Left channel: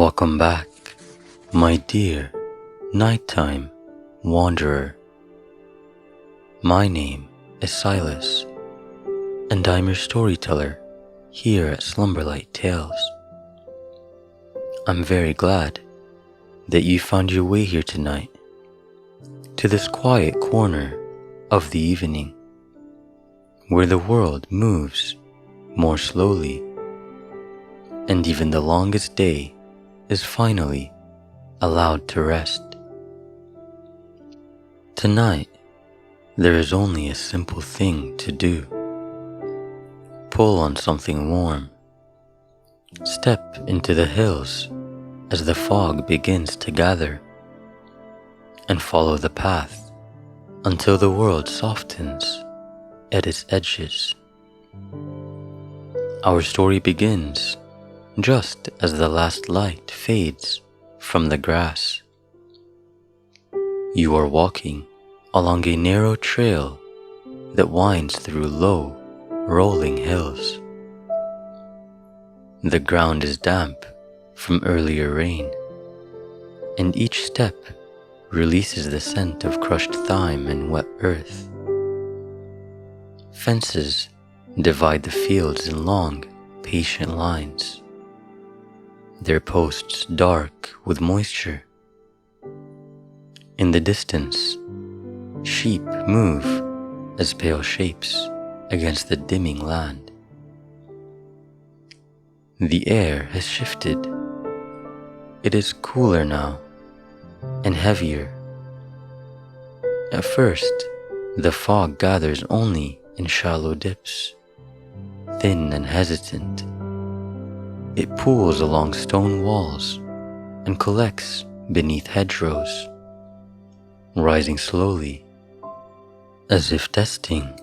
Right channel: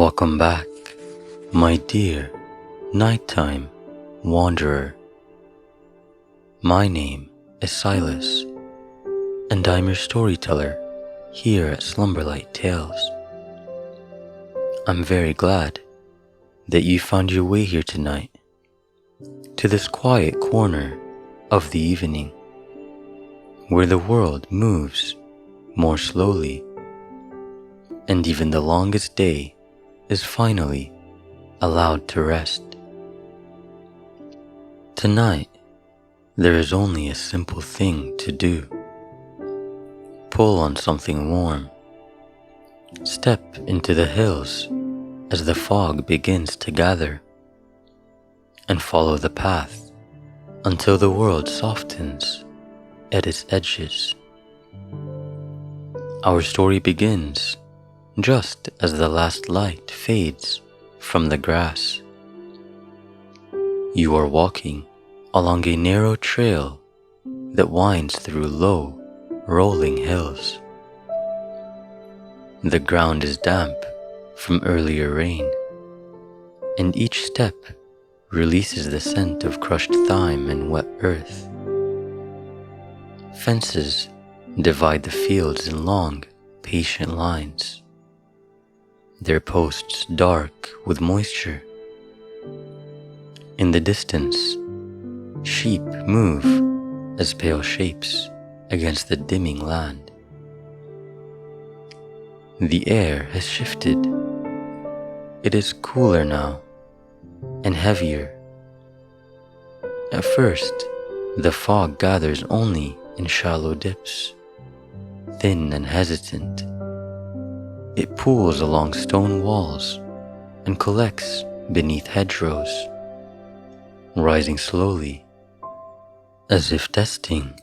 Welcome back, my dear nighttime wanderer. My name is Silas, and I'm your storyteller here at Slumberlight Tales. I'm very glad that you found your way here tonight, to this quiet corner of the evening, where the world moves more slowly, and even the longest day is finally allowed to rest. Tonight, there is only a simple thing to do. Pull on something warm. Step into the hills as the fog begins to gather, and follow the path until the world softens at its edges. Our story begins just as the last light fades from the grass. You are walking along a narrow trail that winds through low, rolling hills. The ground is damp from earlier rain, and each step releases the scent of crushed thyme and wet earth. Fences divide the fields in long, patient lines, their posts dark with moisture. In the distance, sheep move as pale shapes against the dimming land. The air has shifted. It is cooler now and heavier. At first, the fog gathers only in shallow dips, thin and hesitant. It pools along stone walls and collects beneath hedgerows, rising slowly, as if testing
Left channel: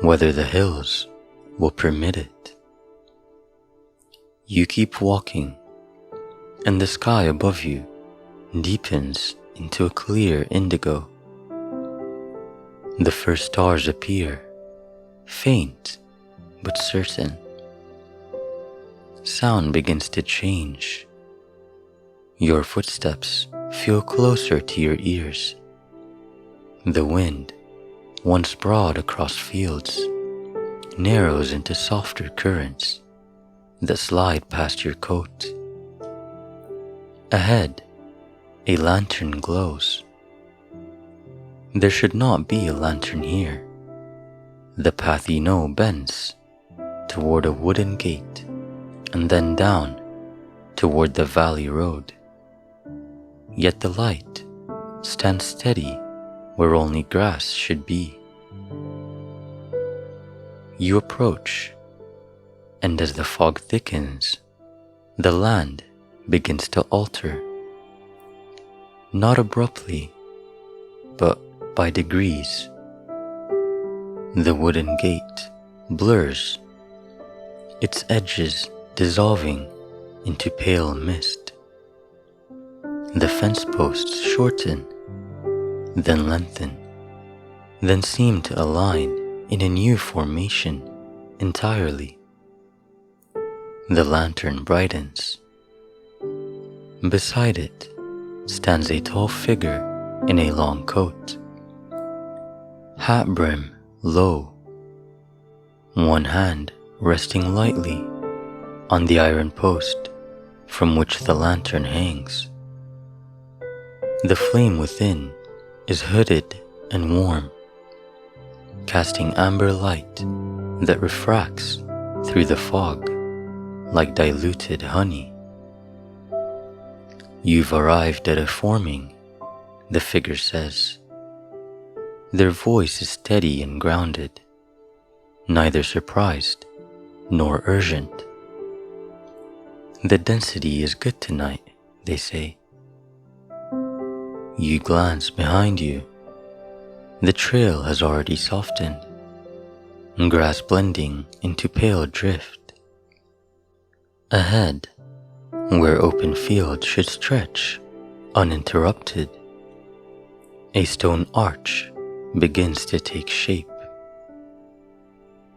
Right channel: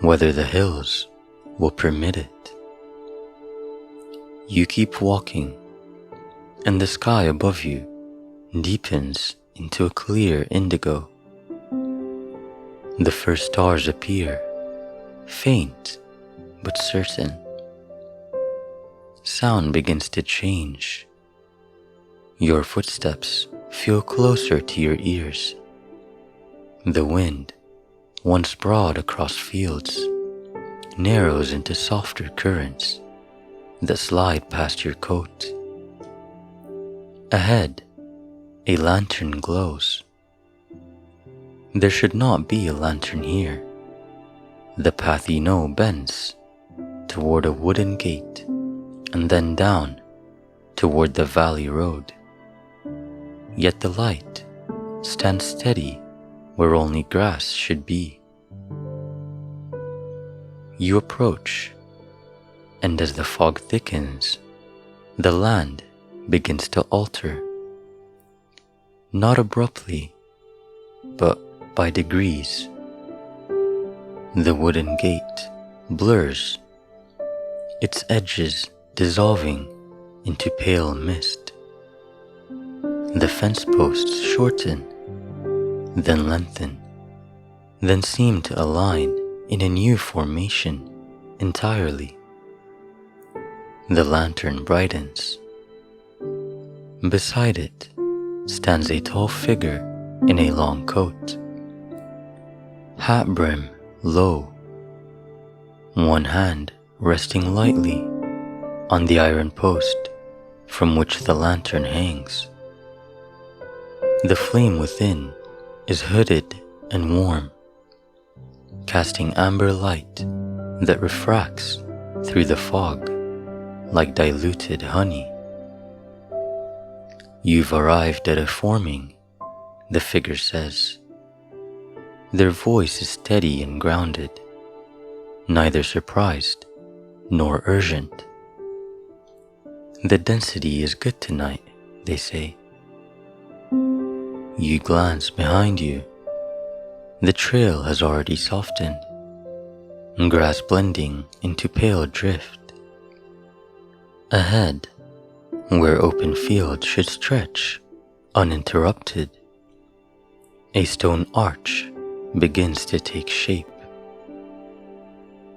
whether the hills will permit it. You keep walking, and the sky above you deepens into a clear indigo. The first stars appear, faint but certain. Sound begins to change. Your footsteps feel closer to your ears. The wind, once broad across fields, narrows into softer currents that slide past your coat. Ahead, a lantern glows. There should not be a lantern here. The path you know bends toward a wooden gate, and then down toward the valley road. Yet the light stands steady where only grass should be. You approach, and as the fog thickens, the land begins to alter. Not abruptly, but by degrees. The wooden gate blurs, its edges dissolving into pale mist. The fence posts shorten, then lengthen, then seem to align in a new formation entirely. The lantern brightens. Beside it stands a tall figure in a long coat, hat brim low, one hand resting lightly on the iron post from which the lantern hangs. The flame within is hooded and warm, casting amber light that refracts through the fog like diluted honey. You've arrived at a forming, the figure says. Their voice is steady and grounded, neither surprised nor urgent. The density is good tonight, they say. You glance behind you. The trail has already softened, grass blending into pale drift. Ahead, where open field should stretch uninterrupted, a stone arch begins to take shape.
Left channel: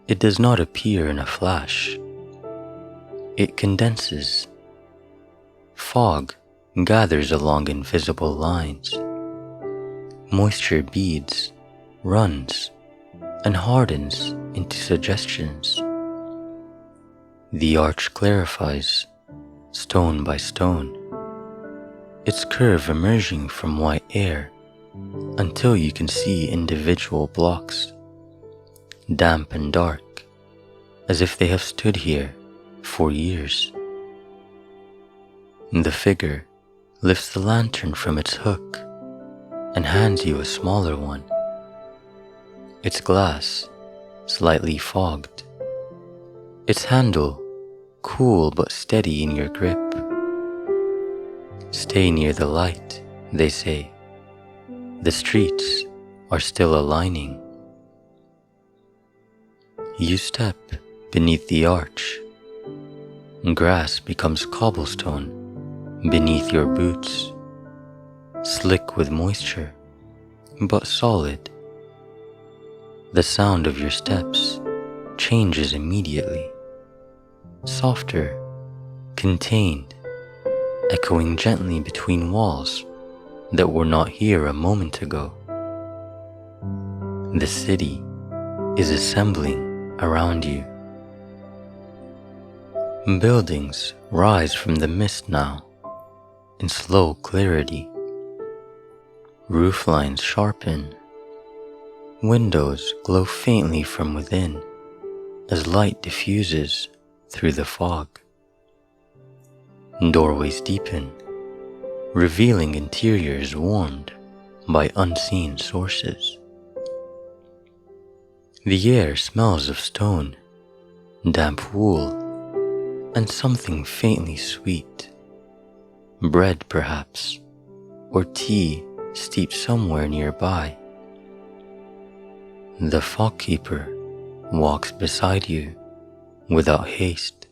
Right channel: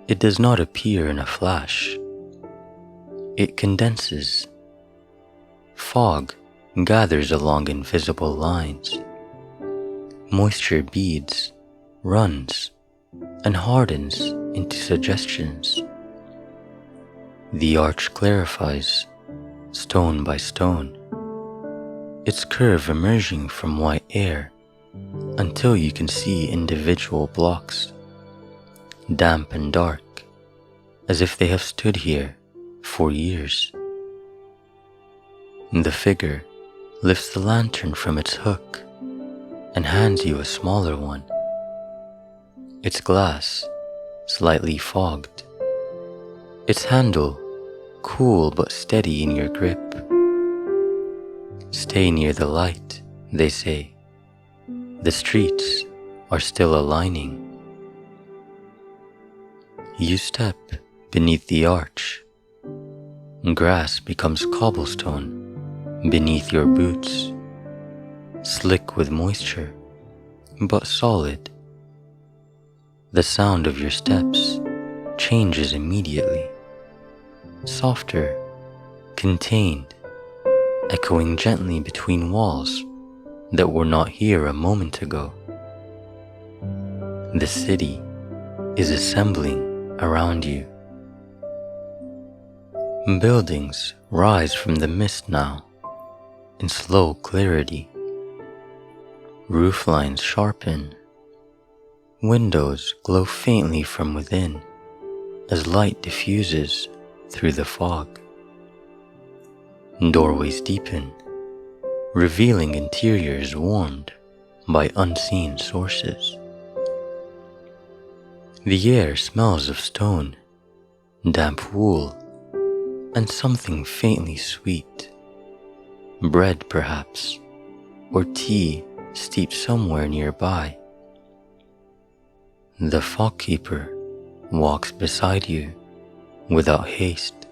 It does not appear in a flash. It condenses, Fog gathers along invisible lines. Moisture beads, runs, and hardens into suggestions. The arch clarifies, stone by stone, its curve emerging from white air until you can see individual blocks, damp and dark, as if they have stood here for years. The figure lifts the lantern from its hook and hands you a smaller one. Its glass slightly fogged, its handle cool but steady in your grip. Stay near the light, they say. The streets are still aligning. You step beneath the arch. Grass becomes cobblestone beneath your boots, slick with moisture, but solid. The sound of your steps changes immediately, softer, contained, echoing gently between walls that were not here a moment ago. The city is assembling around you. Buildings rise from the mist now in slow clarity. Roof lines sharpen. Windows glow faintly from within as light diffuses through the fog. Doorways deepen, revealing interiors warmed by unseen sources. The air smells of stone, damp wool, and something faintly sweet. Bread, perhaps, or tea steeped somewhere nearby. The fog keeper walks beside you without haste.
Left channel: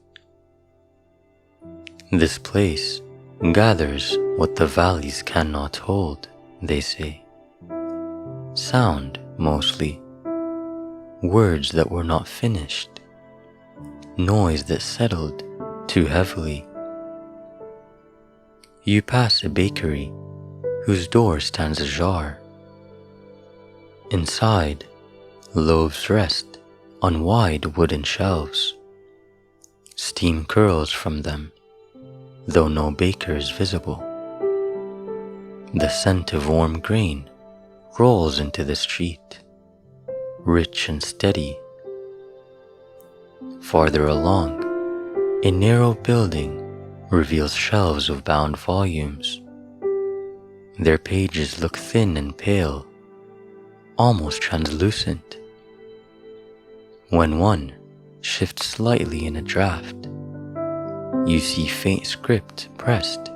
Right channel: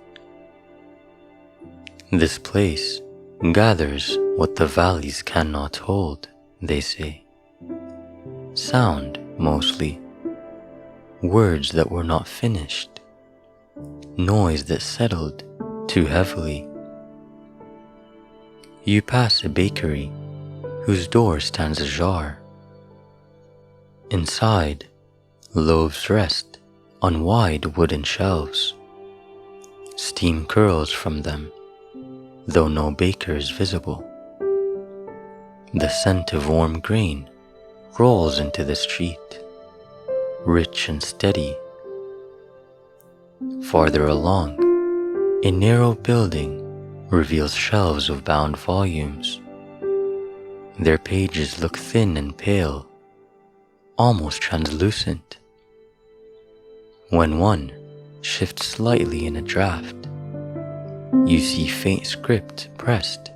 This place gathers what the valleys cannot hold, they say. Sound, mostly. Words that were not finished. Noise that settled too heavily. You pass a bakery whose door stands ajar. Inside, loaves rest on wide wooden shelves. Steam curls from them, though no baker is visible. The scent of warm grain rolls into the street, rich and steady. Farther along, a narrow building reveals shelves of bound volumes. Their pages look thin and pale, almost translucent. When one shifts slightly in a draft, you see faint script pressed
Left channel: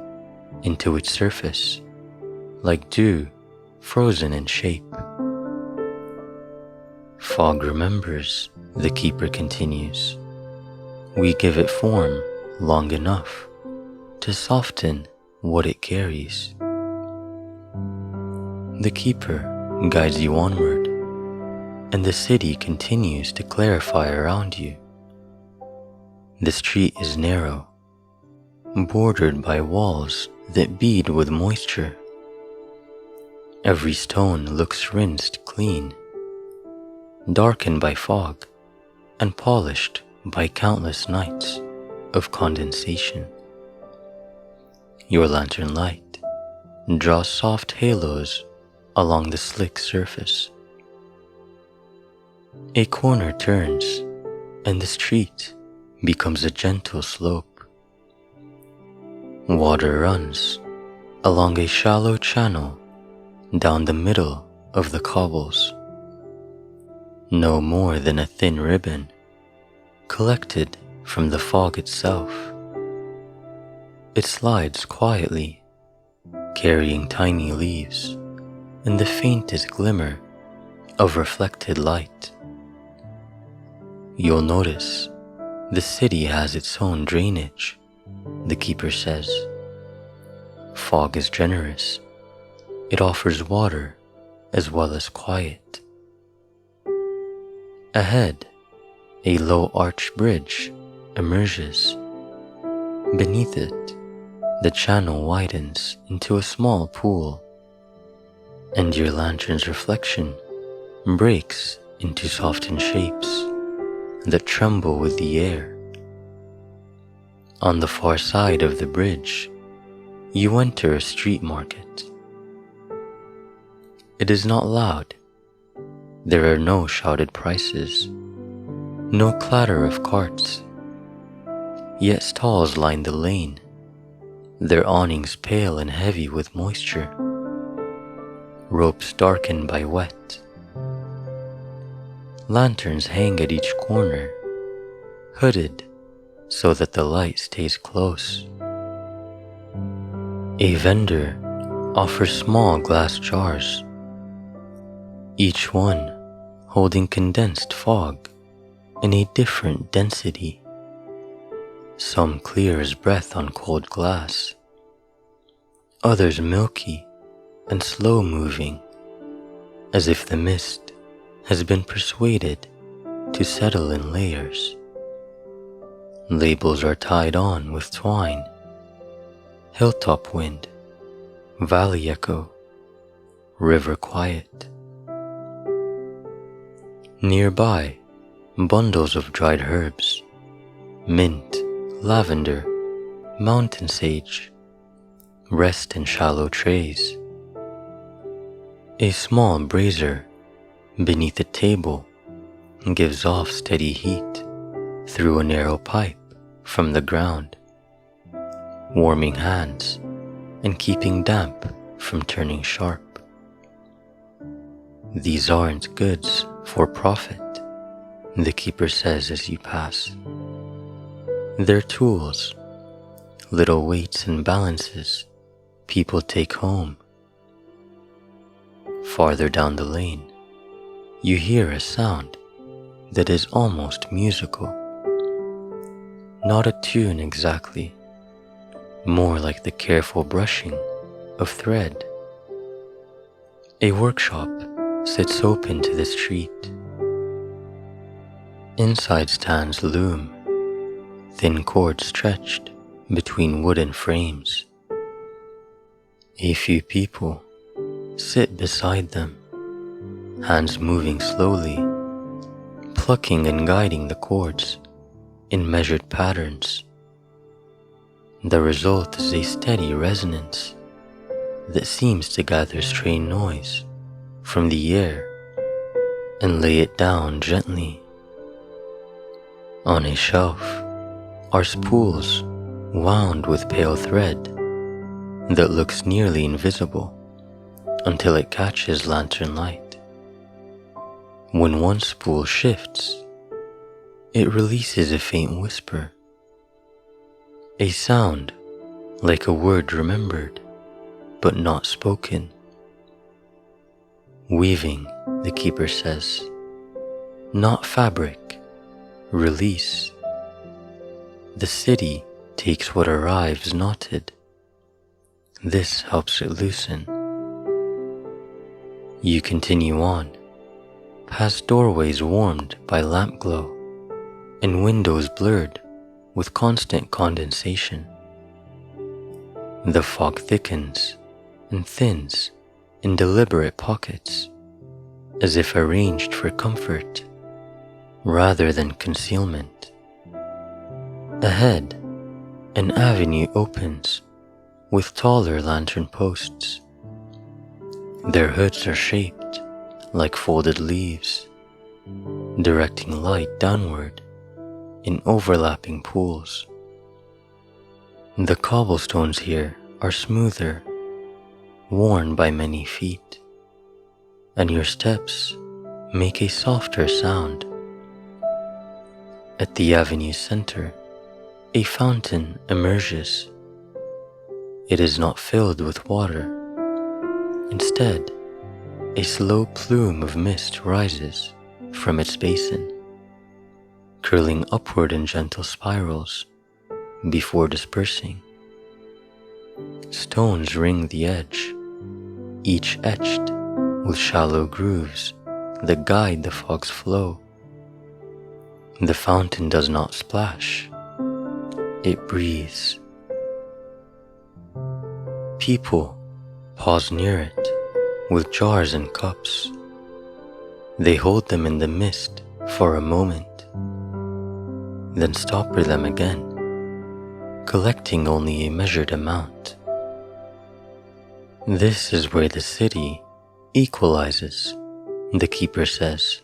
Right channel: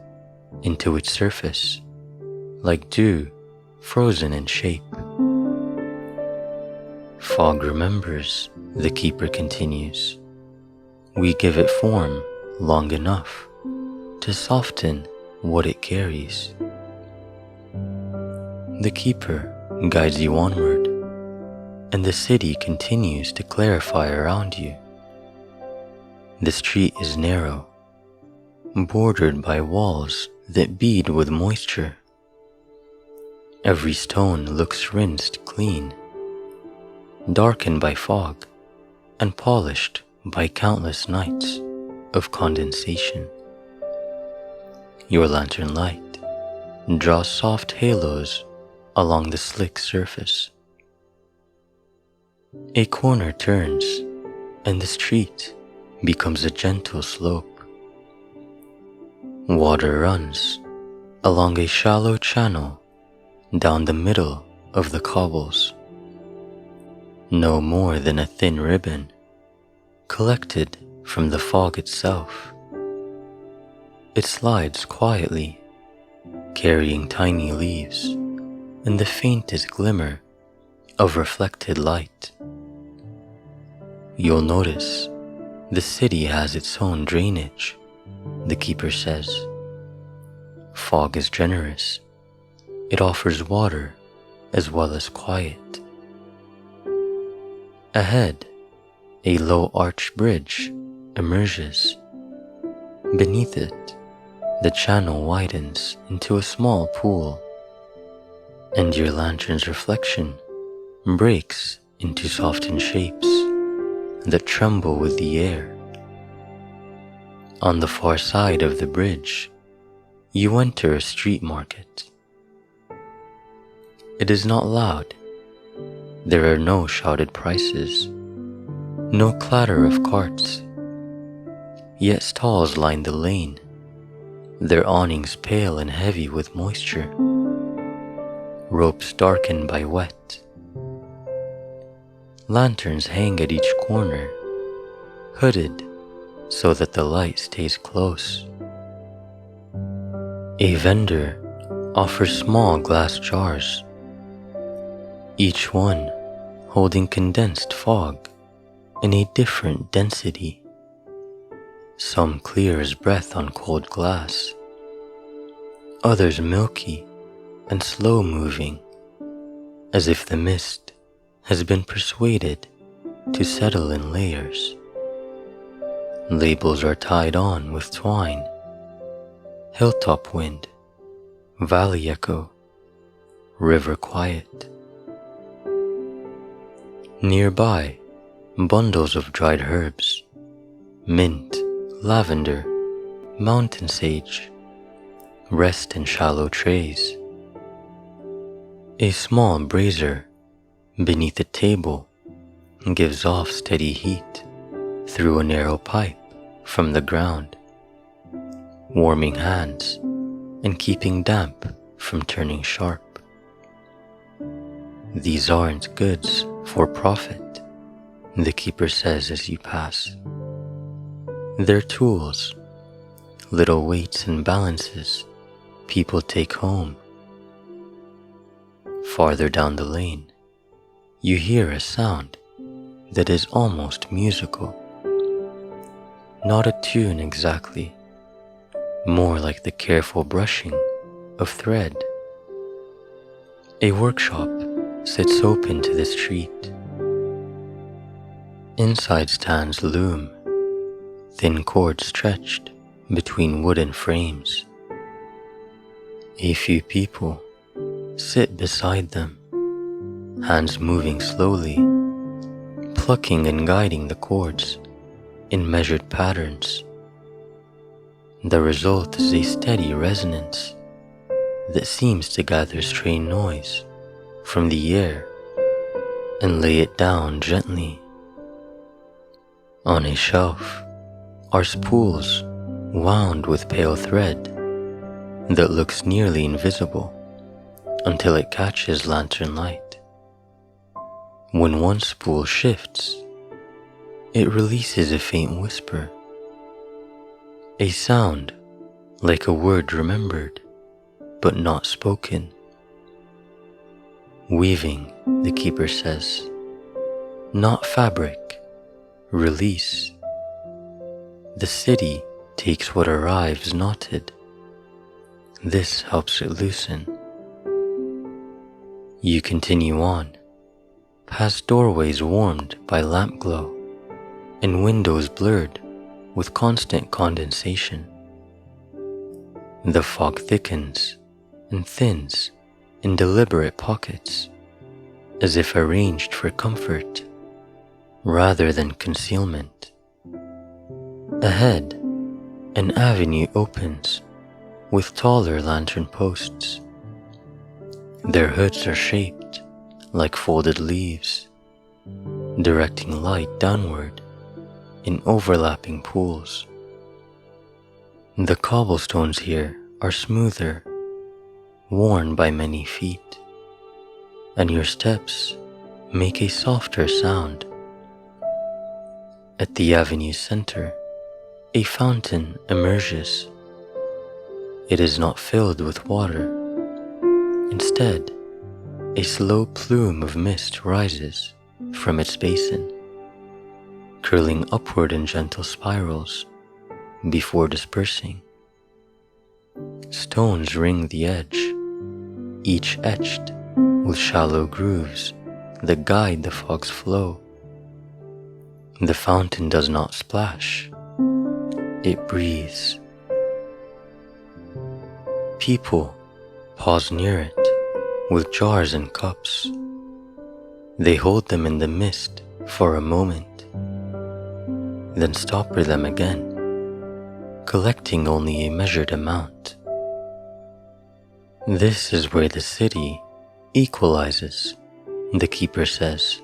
into its surface, like dew frozen in shape. Fog remembers, the keeper continues. We give it form long enough to soften what it carries. The keeper guides you onward, and the city continues to clarify around you. The street is narrow, bordered by walls that bead with moisture. Every stone looks rinsed clean, darkened by fog and polished by countless nights of condensation. Your lantern light draws soft halos along the slick surface. A corner turns, and the street becomes a gentle slope. Water runs along a shallow channel down the middle of the cobbles, no more than a thin ribbon collected from the fog itself. It slides quietly, carrying tiny leaves and the faintest glimmer of reflected light. You'll notice the city has its own drainage, the keeper says. Fog is generous. It offers water as well as quiet. Ahead, a low arched bridge emerges. Beneath it, the channel widens into a small pool, and your lantern's reflection breaks into softened shapes that tremble with the air. On the far side of the bridge, you enter a street market. It is not loud. There are no shouted prices, no clatter of carts. Yet stalls line the lane, their awnings pale and heavy with moisture, ropes darkened by wet. Lanterns hang at each corner, hooded so that the light stays close. A vendor offers small glass jars, each one holding condensed fog in a different density. Some clear as breath on cold glass, others milky and slow-moving, as if the mist has been persuaded to settle in layers. Labels are tied on with twine: hilltop wind, valley echo, river quiet. Nearby, bundles of dried herbs, mint, lavender, mountain sage, rest in shallow trays. A small brazier beneath a table gives off steady heat through a narrow pipe from the ground, warming hands and keeping damp from turning sharp. These aren't goods for profit, the keeper says as you pass. They're tools, little weights and balances people take home. Farther down the lane, you hear a sound that is almost musical. Not a tune exactly, more like the careful brushing of thread. A workshop sits open to the street. Inside stands loom, thin cords stretched between wooden frames. A few people sit beside them, hands moving slowly, plucking and guiding the cords in measured patterns. The result is a steady resonance that seems to gather stray noise from the air and lay it down gently. On a shelf are spools wound with pale thread that looks nearly invisible until it catches lantern light. When one spool shifts, it releases a faint whisper, a sound like a word remembered but not spoken. Weaving, the keeper says, not fabric, release. The city takes what arrives knotted. This helps it loosen. You continue on, past doorways warmed by lamp glow and windows blurred with constant condensation. The fog thickens and thins in deliberate pockets, as if arranged for comfort rather than concealment. Ahead, an avenue opens with taller lantern posts. Their hoods are shaped like folded leaves, directing light downward in overlapping pools. The cobblestones here are smoother, worn by many feet, and your steps make a softer sound. At the avenue's center, a fountain emerges. It is not filled with water. Instead, a slow plume of mist rises from its basin, curling upward in gentle spirals before dispersing. Stones ring the edge, each etched with shallow grooves that guide the fog's flow. The fountain does not splash, it breathes. People pause near it with jars and cups. They hold them in the mist for a moment, then stopper them again, collecting only a measured amount. This is where the city equalizes, the keeper says,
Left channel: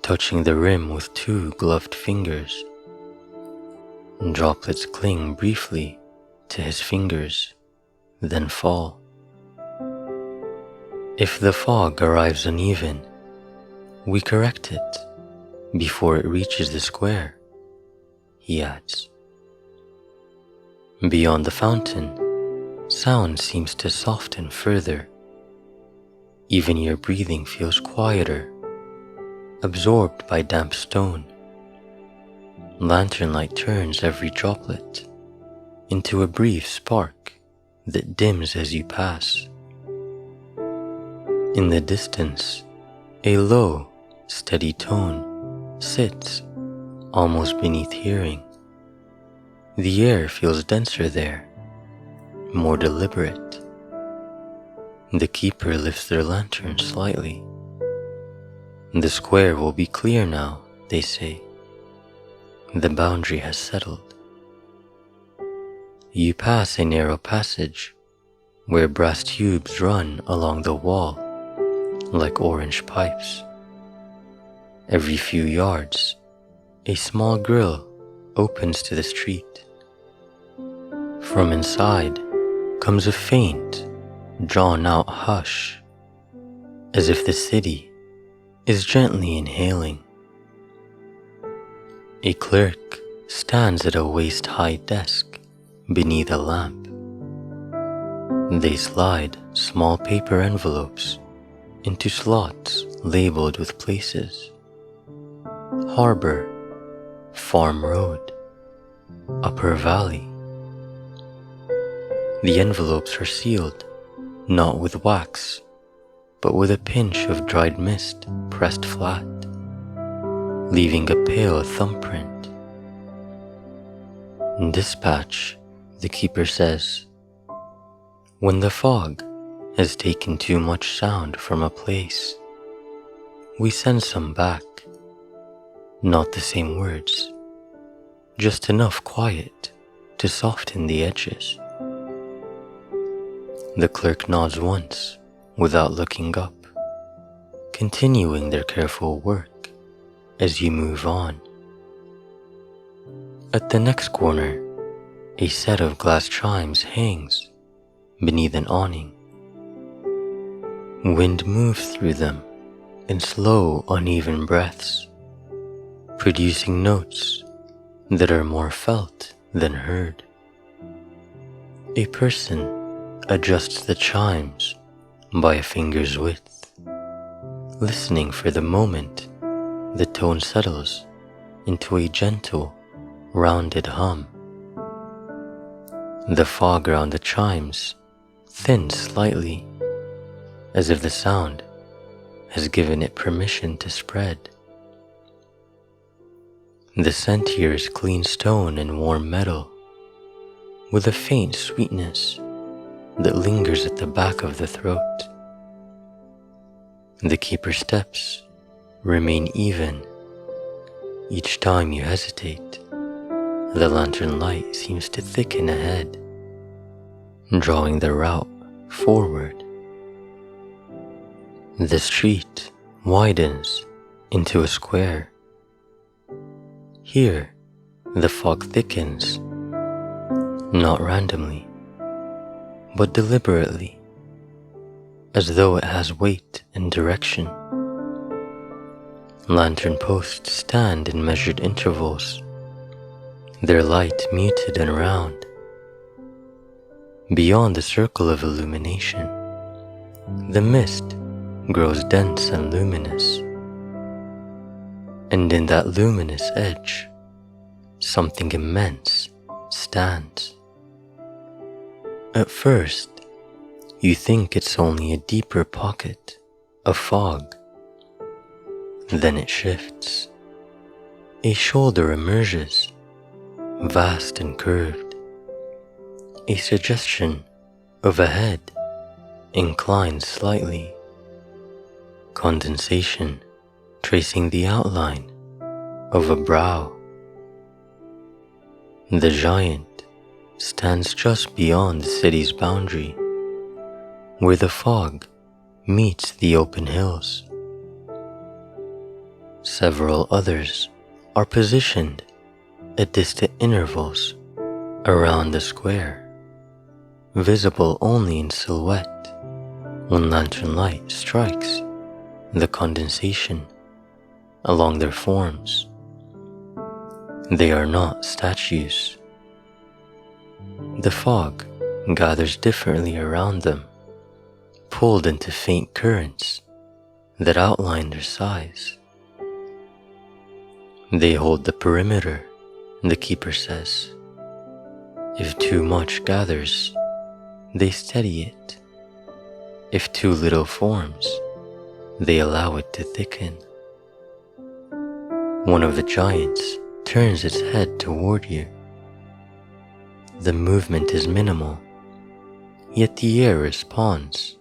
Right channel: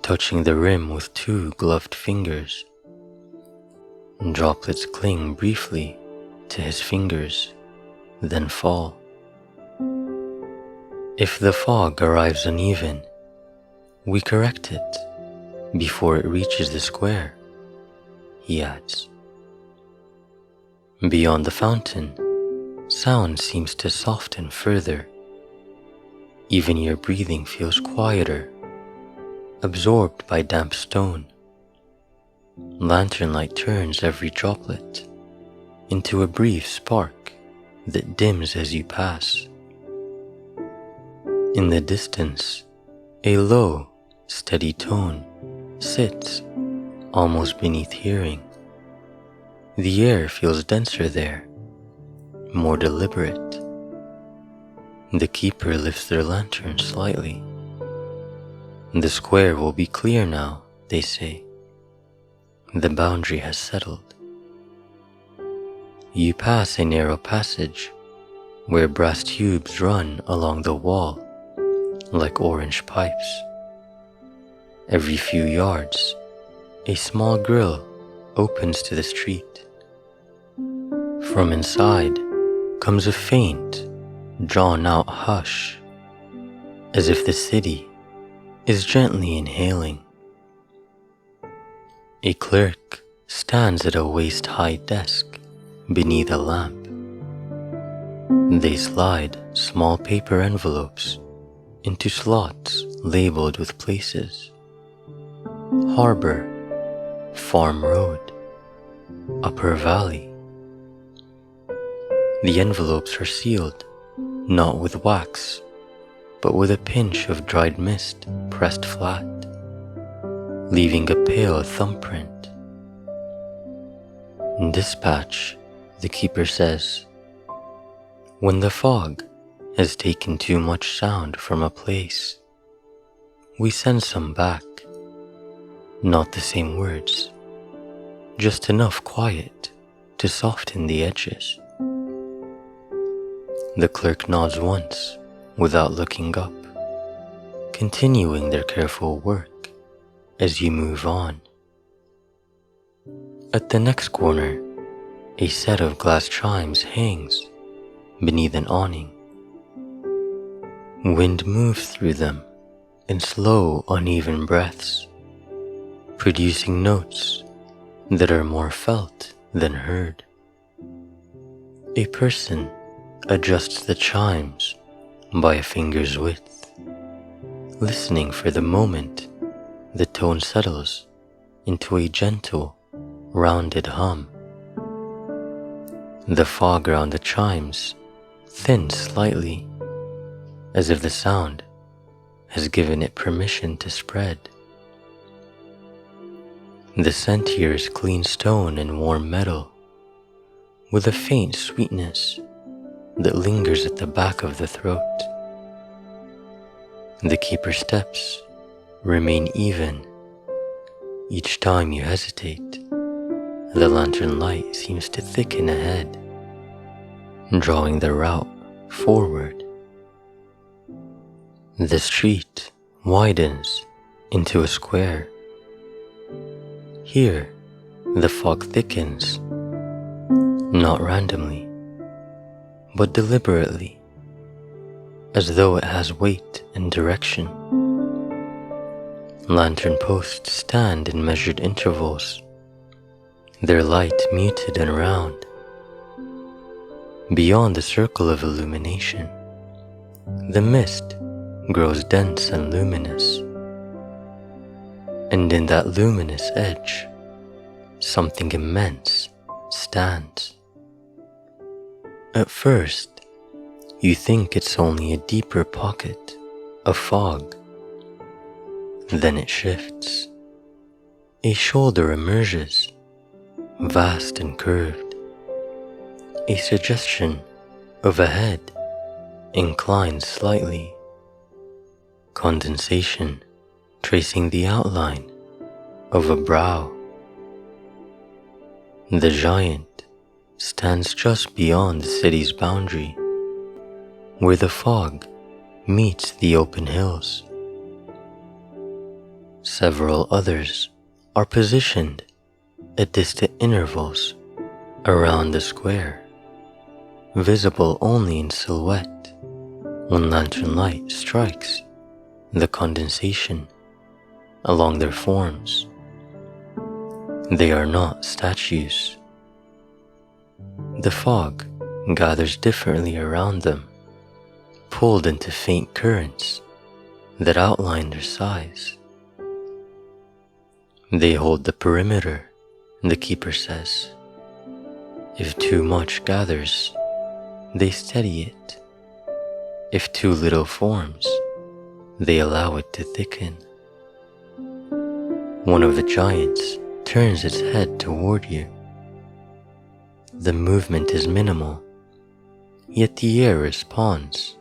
touching the rim with 2 gloved fingers. Droplets cling briefly to his fingers, then fall. If the fog arrives uneven, we correct it before it reaches the square, he adds. Beyond the fountain, sound seems to soften further. Even your breathing feels quieter, absorbed by damp stone. Lantern light turns every droplet into a brief spark that dims as you pass. In the distance, a low, steady tone sits almost beneath hearing. The air feels denser there, more deliberate. The keeper lifts their lantern slightly. The square will be clear now, they say. The boundary has settled. You pass a narrow passage where brass tubes run along the wall like orange pipes. Every few yards, a small grill opens to the street. From inside comes a faint, drawn-out hush, as if the city is gently inhaling. A clerk stands at a waist-high desk beneath a lamp. They slide small paper envelopes into slots labeled with places. Harbor, Farm Road, Upper Valley. The envelopes are sealed, not with wax, but with a pinch of dried mist pressed flat, leaving a pale thumbprint. Dispatch, the keeper says. When the fog has taken too much sound from a place, we send some back. Not the same words, just enough quiet to soften the edges. The clerk nods once without looking up, continuing their careful work as you move on. At the next corner, a set of glass chimes hangs beneath an awning. Wind moves through them in slow, uneven breaths, producing notes that are more felt than heard. A person adjusts the chimes by a finger's width, listening for the moment the tone settles into a gentle, rounded hum. The fog around the chimes thins slightly, as if the sound has given it permission to spread. The scent here is clean stone and warm metal, with a faint sweetness that lingers at the back of the throat. The keeper's steps remain even. Each time you hesitate, the lantern light seems to thicken ahead, drawing the route forward. The street widens into a square. Here, the fog thickens, not randomly, but deliberately, as though it has weight and direction. Lantern posts stand in measured intervals, their light muted and round. Beyond the circle of illumination, the mist grows dense and luminous. And in that luminous edge, something immense stands. At first, you think it's only a deeper pocket of fog. Then it shifts. A shoulder emerges, vast and curved, a suggestion of a head inclined slightly, condensation tracing the outline of a brow. The giant stands just beyond the city's boundary, where the fog meets the open hills. Several others are positioned at distant intervals around the square, visible only in silhouette when lantern light strikes the condensation along their forms. They are not statues. The fog gathers differently around them, pulled into faint currents that outline their size. They hold the perimeter, the keeper says. If too much gathers, they steady it. If too little forms, they allow it to thicken. One of the giants turns its head toward you. The movement is minimal, yet the air responds.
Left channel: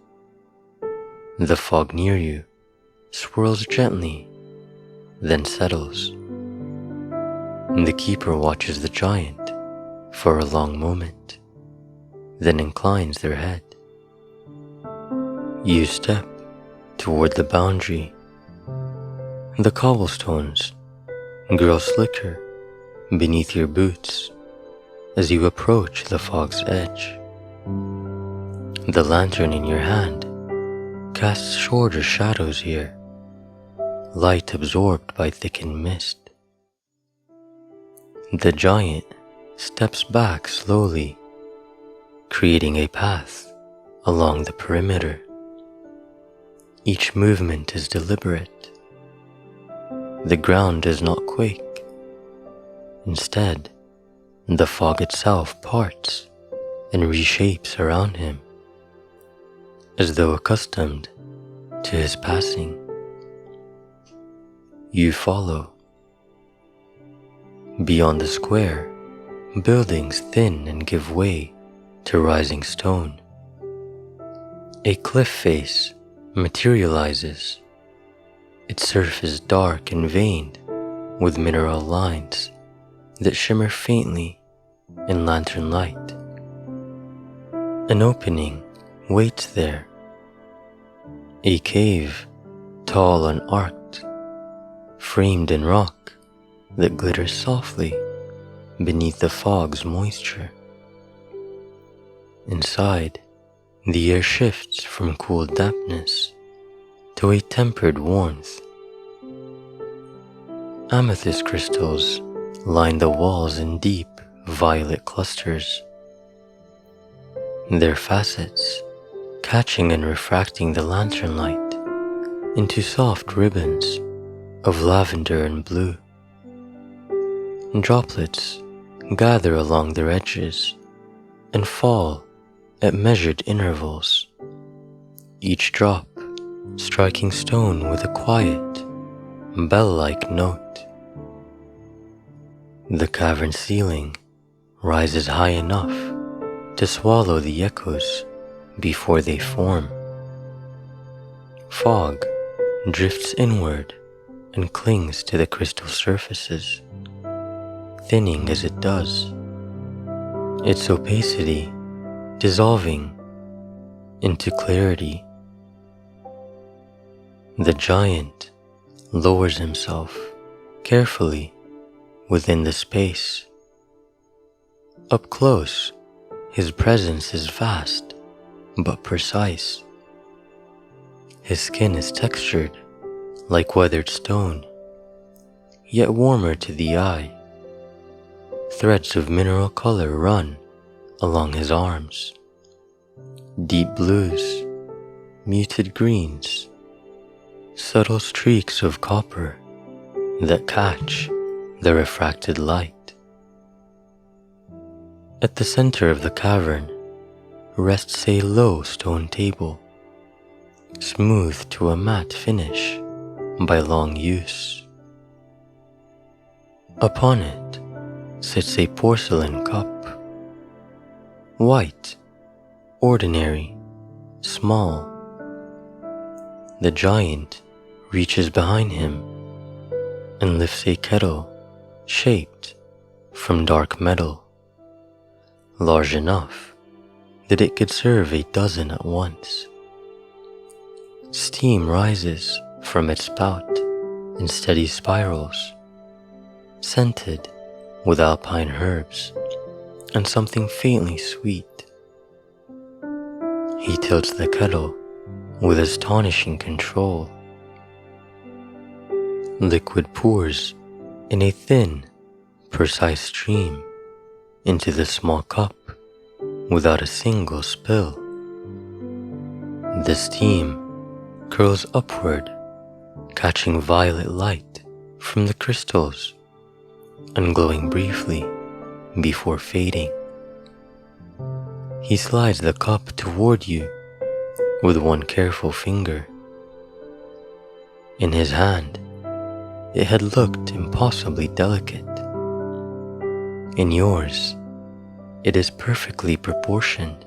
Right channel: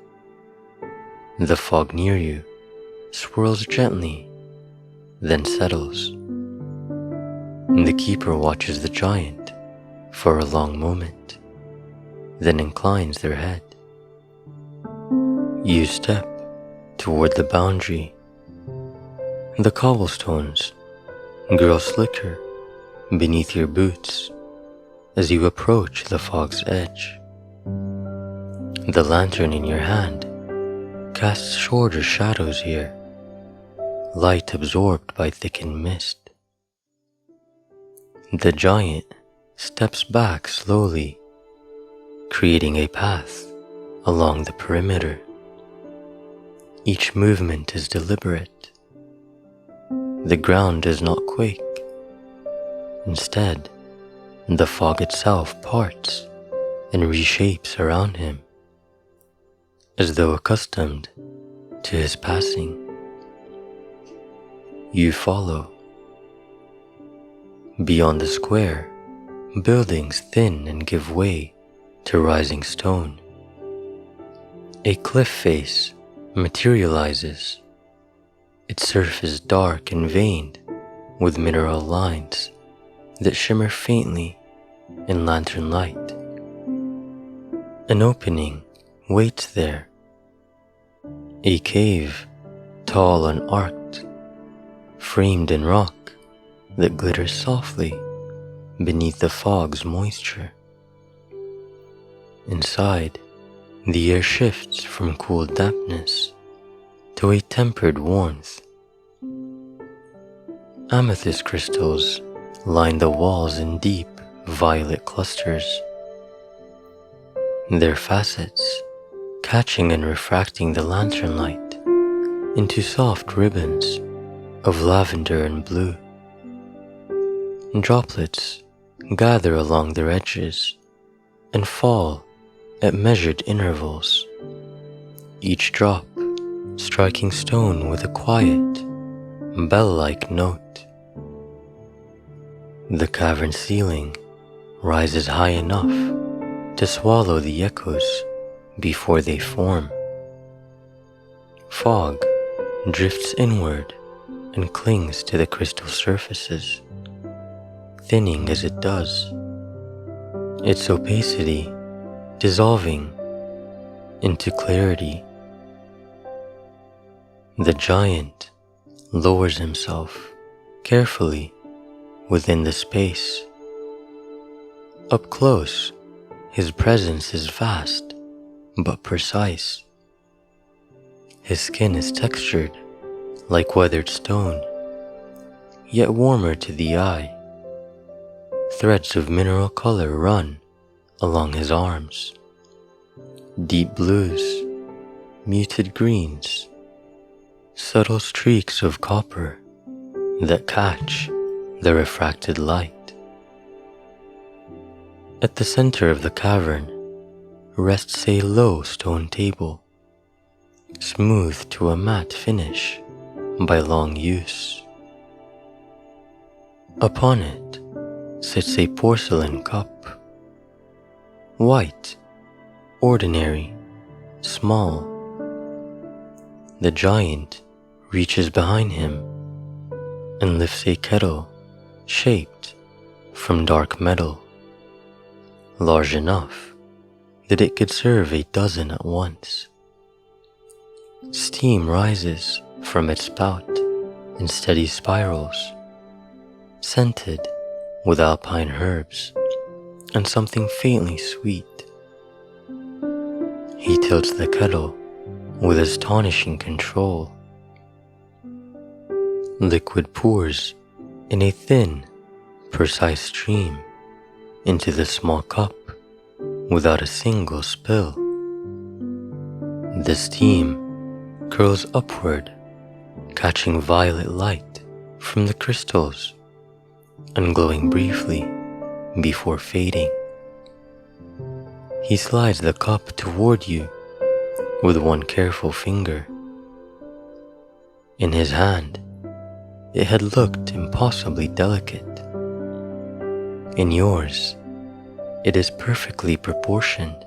The fog near you swirls gently, then settles. The keeper watches the giant for a long moment, then inclines their head. You step toward the boundary. The cobblestones grow slicker beneath your boots as you approach the fog's edge. The lantern in your hand casts shorter shadows here, light absorbed by thickened mist. The giant steps back slowly, creating a path along the perimeter. Each movement is deliberate. The ground does not quake. Instead, the fog itself parts and reshapes around him, as though accustomed to his passing. You follow. Beyond the square, buildings thin and give way to rising stone. A cliff face materializes, its surface dark and veined with mineral lines that shimmer faintly in lantern light. An opening waits there, a cave tall and arched, framed in rock that glitters softly beneath the fog's moisture. Inside, the air shifts from cool dampness to a tempered warmth. Amethyst crystals line the walls in deep violet clusters, their facets catching and refracting the lantern light into soft ribbons of lavender and blue. Droplets gather along their edges and fall at measured intervals, each drop striking stone with a quiet, bell-like note. The cavern ceiling rises high enough to swallow the echoes before they form. Fog drifts inward and clings to the crystal surfaces, thinning as it does, its opacity dissolving into clarity. The giant lowers himself carefully within the space. Up close, his presence is vast but precise. His skin is textured like weathered stone, yet warmer to the eye. Threads of mineral color run along his arms, deep blues, muted greens, subtle streaks of copper that catch the refracted light. At the center of the cavern rests a low stone table, smoothed to a matte finish by long use. Upon it sits a porcelain cup, white ordinary, small. The giant reaches behind him and lifts a kettle shaped from dark metal, large enough that it could serve 12 at once. Steam rises from its spout in steady spirals, scented with alpine herbs and something faintly sweet. He tilts the kettle with astonishing control. Liquid pours in a thin, precise stream into the small cup without a single spill. The steam curls upward, catching violet light from the crystals and glowing briefly before fading. He slides the cup toward you with one careful finger. In his hand, it had looked impossibly delicate. In yours, it is perfectly proportioned.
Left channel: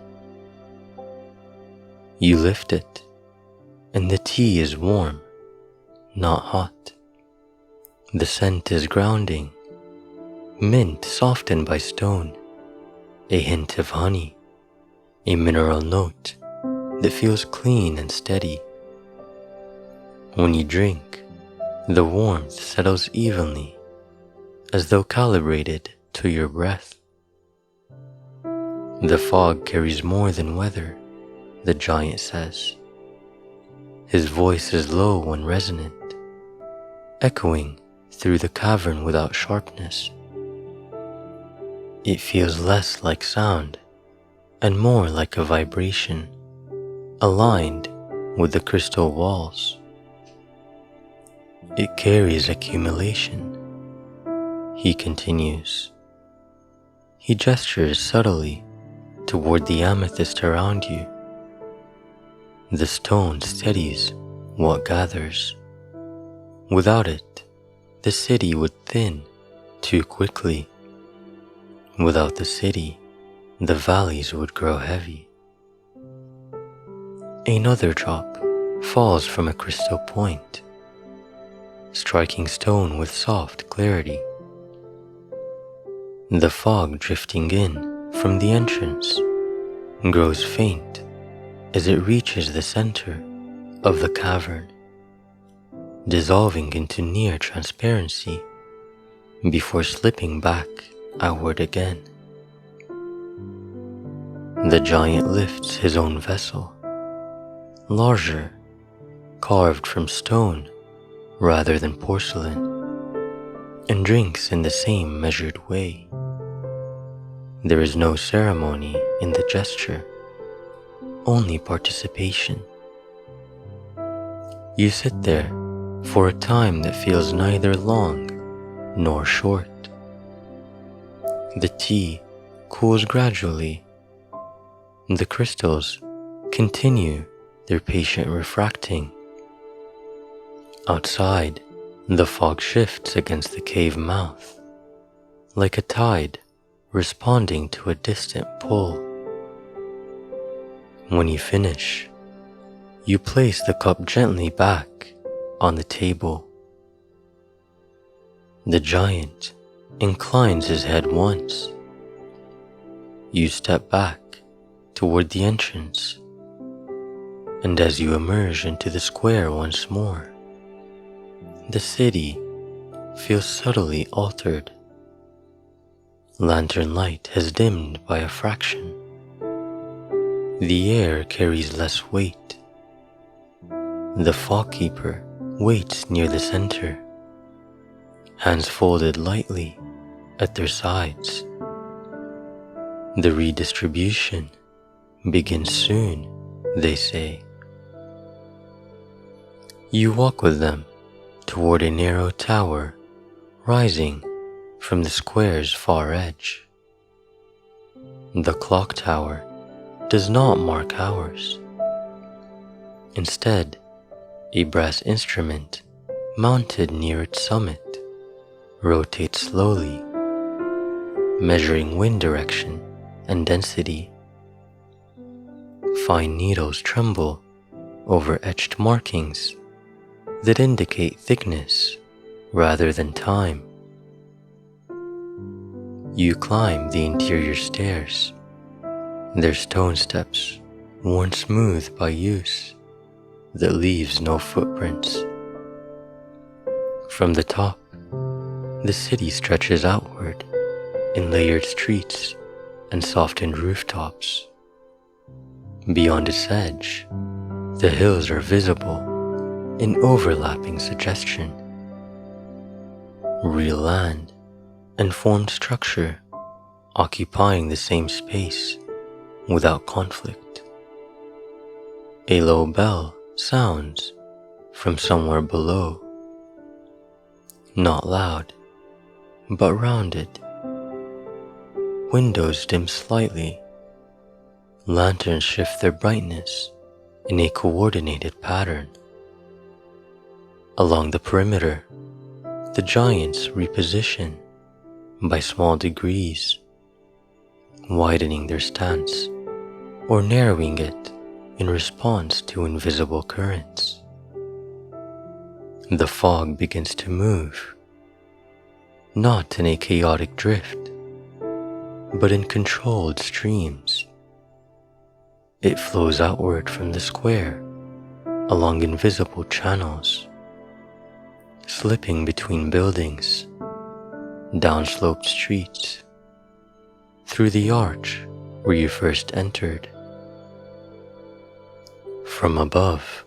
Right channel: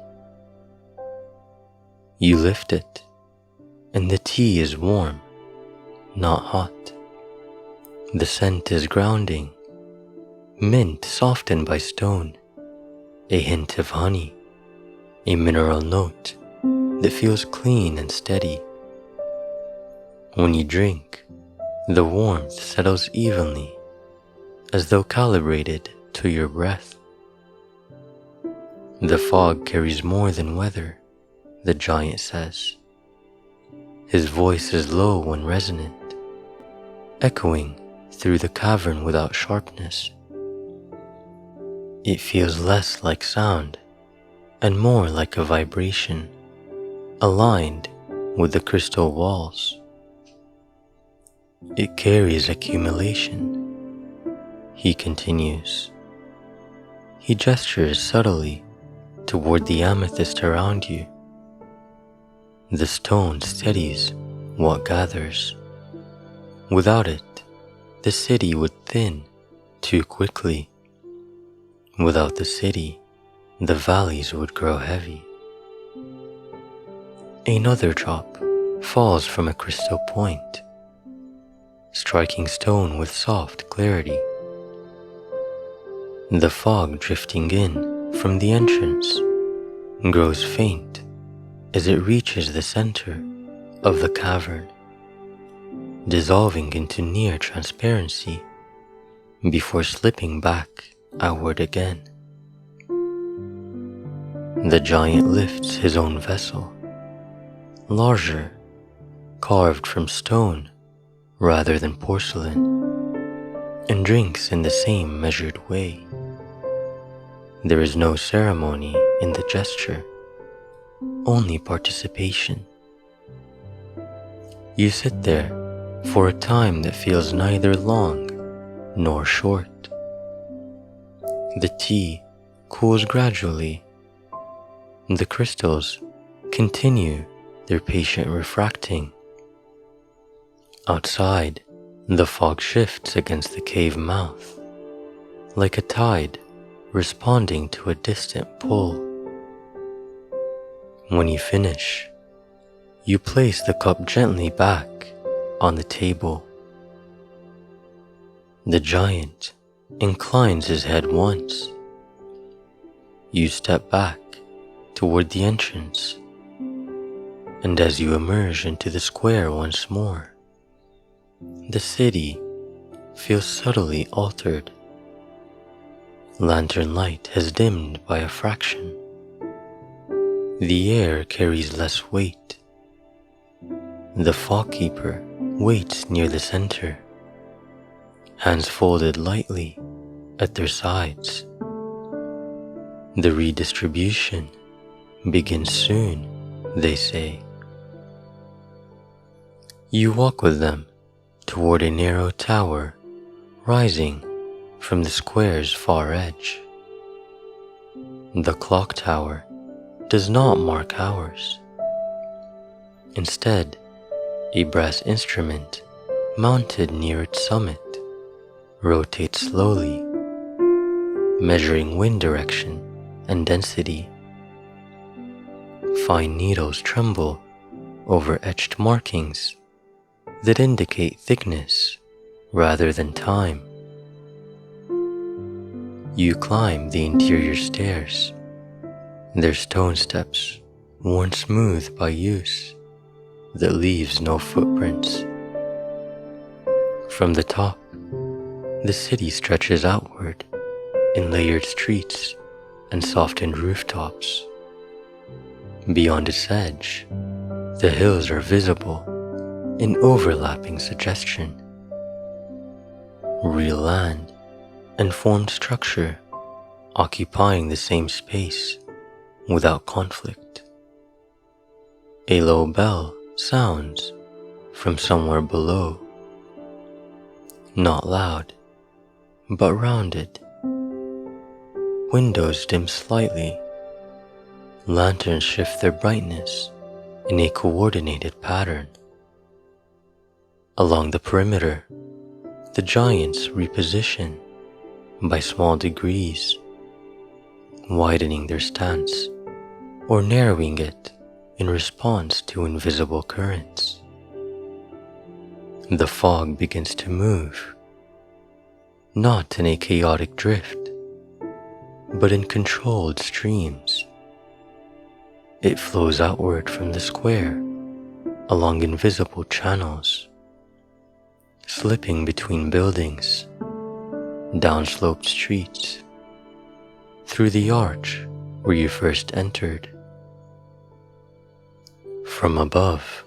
You lift it, and the tea is warm, not hot. The scent is grounding, mint softened by stone, a hint of honey, a mineral note that feels clean and steady. When you drink, the warmth settles evenly, as though calibrated to your breath. The fog carries more than weather, the giant says. His voice is low and resonant, echoing through the cavern without sharpness. It feels less like sound and more like a vibration, aligned with the crystal walls. It carries accumulation, he continues. He gestures subtly toward the amethyst around you. The stone steadies what gathers. Without it, the city would thin too quickly. Without the city, the valleys would grow heavy. Another drop falls from a crystal point, striking stone with soft clarity. The fog drifting in from the entrance grows faint as it reaches the center of the cavern, dissolving into near transparency before slipping back outward again. The giant lifts his own vessel, larger, carved from stone rather than porcelain, and drinks in the same measured way. There is no ceremony in the gesture, only participation. You sit there for a time that feels neither long nor short. The tea cools gradually. The crystals continue their patient refracting. Outside, the fog shifts against the cave mouth, like a tide responding to a distant pull. When you finish, you place the cup gently back on the table. The giant inclines his head once. You step back toward the entrance, and as you emerge into the square once more, the city feels subtly altered. Lantern light has dimmed by a fraction. The air carries less weight. The fog keeper waits near the center, hands folded lightly at their sides. The redistribution begins soon, they say. You walk with them toward a narrow tower rising from the square's far edge. The clock tower does not mark hours. Instead, a brass instrument mounted near its summit rotates slowly, measuring wind direction and density. fine needles tremble over etched markings that indicate thickness rather than time. You climb the interior stairs, their stone steps worn smooth by use that leaves no footprints. From the top, the city stretches outward in layered streets and softened rooftops. Beyond its edge, the hills are visible in overlapping suggestion. Real land and formed structure occupying the same space without conflict. A low bell sounds from somewhere below, not loud, but rounded. Windows dim slightly. Lanterns shift their brightness in a coordinated pattern. Along the perimeter, the giants reposition by small degrees, widening their stance or narrowing it in response to invisible currents. The fog begins to move, not in a chaotic drift, but in controlled streams. It flows outward from the square along invisible channels, slipping between buildings, down sloped streets, through the arch where you first entered. From above,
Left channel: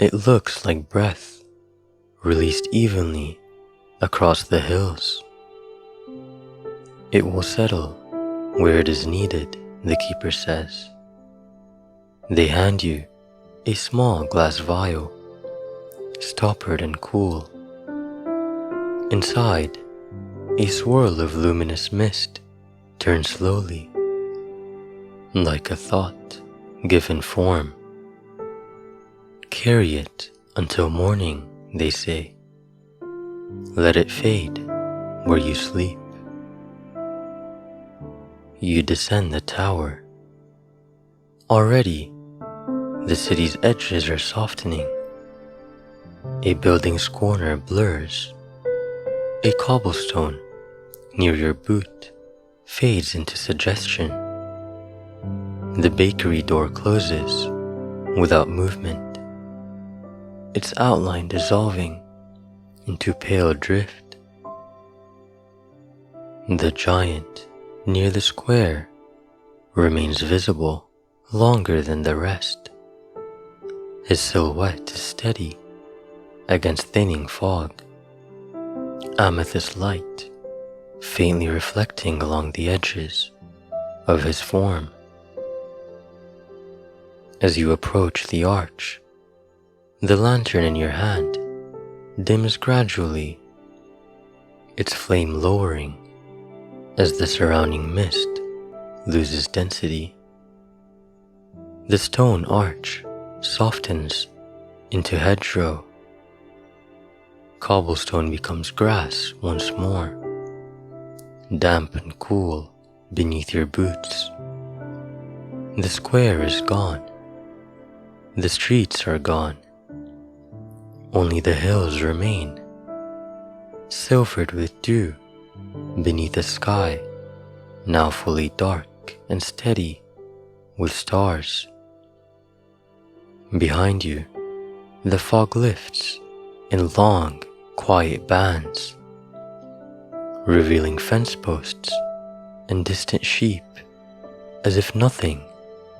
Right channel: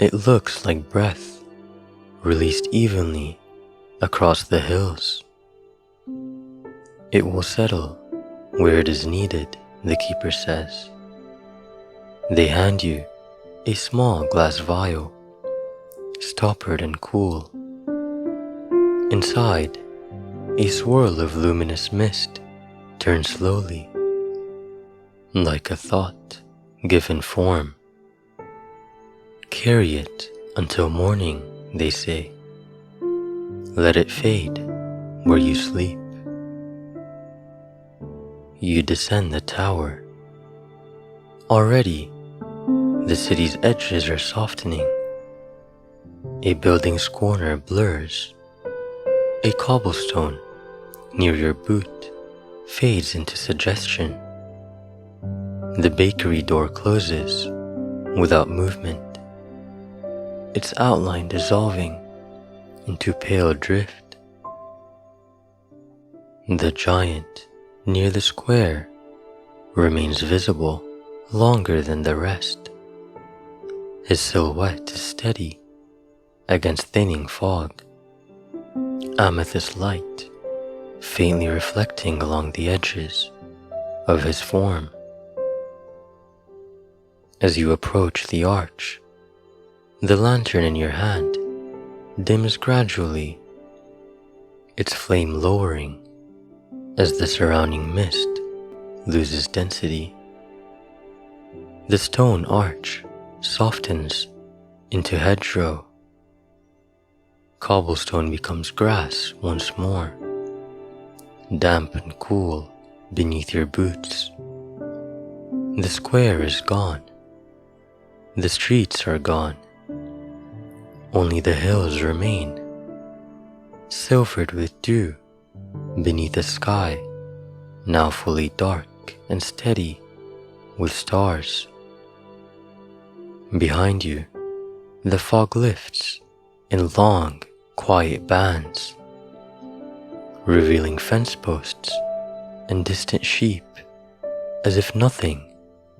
it looks like breath released evenly across the hills. It will settle where it is needed, the keeper says. They hand you a small glass vial, stoppered and cool. Inside, a swirl of luminous mist turns slowly, like a thought given form. Carry it until morning, they say. Let it fade where you sleep. You descend the tower. Already, the city's edges are softening. A building's corner blurs. A cobblestone near your boot fades into suggestion. The bakery door closes without movement, its outline dissolving into pale drift. The giant near the square remains visible longer than the rest. His silhouette is steady against thinning fog, amethyst light faintly reflecting along the edges of his form. As you approach the arch, the lantern in your hand dims gradually, its flame lowering as the surrounding mist loses density. The stone arch softens into hedgerow. Cobblestone becomes grass once more, damp and cool beneath your boots. The square is gone. The streets are gone. Only the hills remain, silvered with dew beneath a sky now fully dark and steady with stars. Behind you, the fog lifts in long, quiet bands, revealing fence posts and distant sheep as if nothing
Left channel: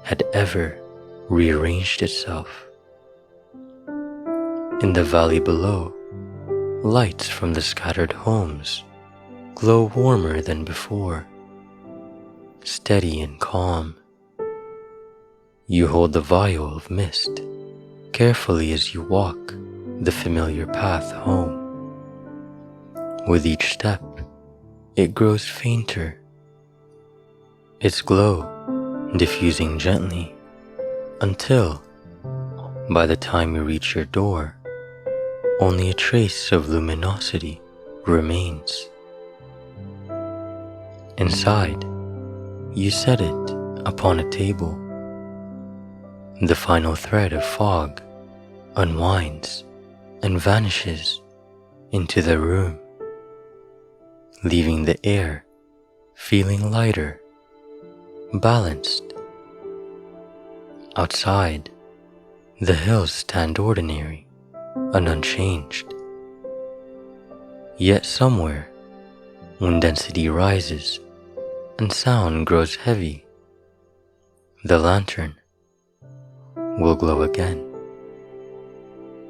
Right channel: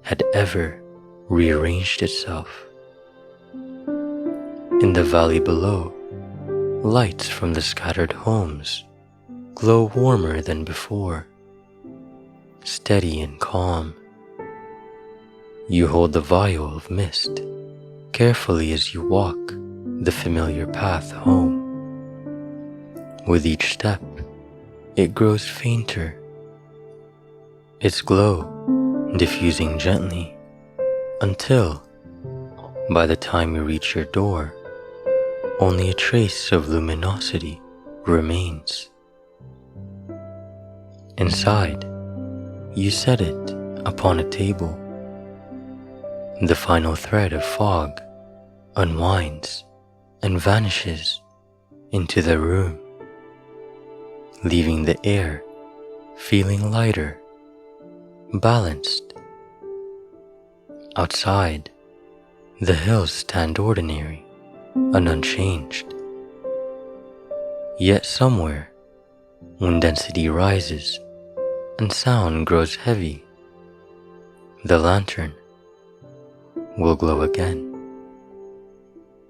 had ever rearranged itself. In the valley below, lights from the scattered homes glow warmer than before, steady and calm. You hold the vial of mist carefully as you walk the familiar path home. With each step, it grows fainter, its glow diffusing gently until, by the time you reach your door, only a trace of luminosity remains. Inside, you set it upon a table. The final thread of fog unwinds and vanishes into the room, leaving the air feeling lighter, balanced. Outside, the hills stand ordinary and unchanged. Yet somewhere, when density rises and sound grows heavy, the lantern will glow again.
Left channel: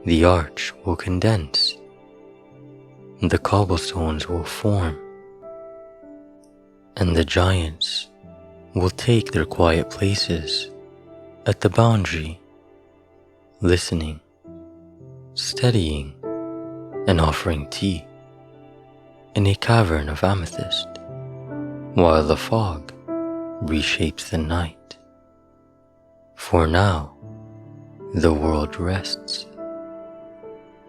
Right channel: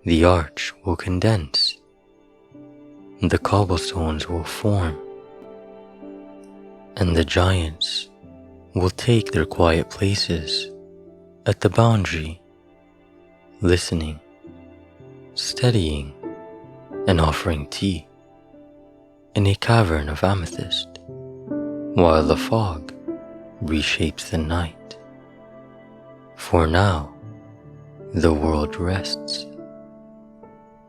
The arch will condense. The cobblestones will form. And the giants will take their quiet places at the boundary, listening, studying, and offering tea in a cavern of amethyst, while the fog reshapes the night. For now, the world rests,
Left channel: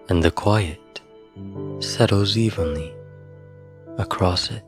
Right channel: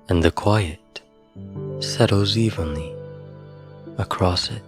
and the quiet settles evenly across it.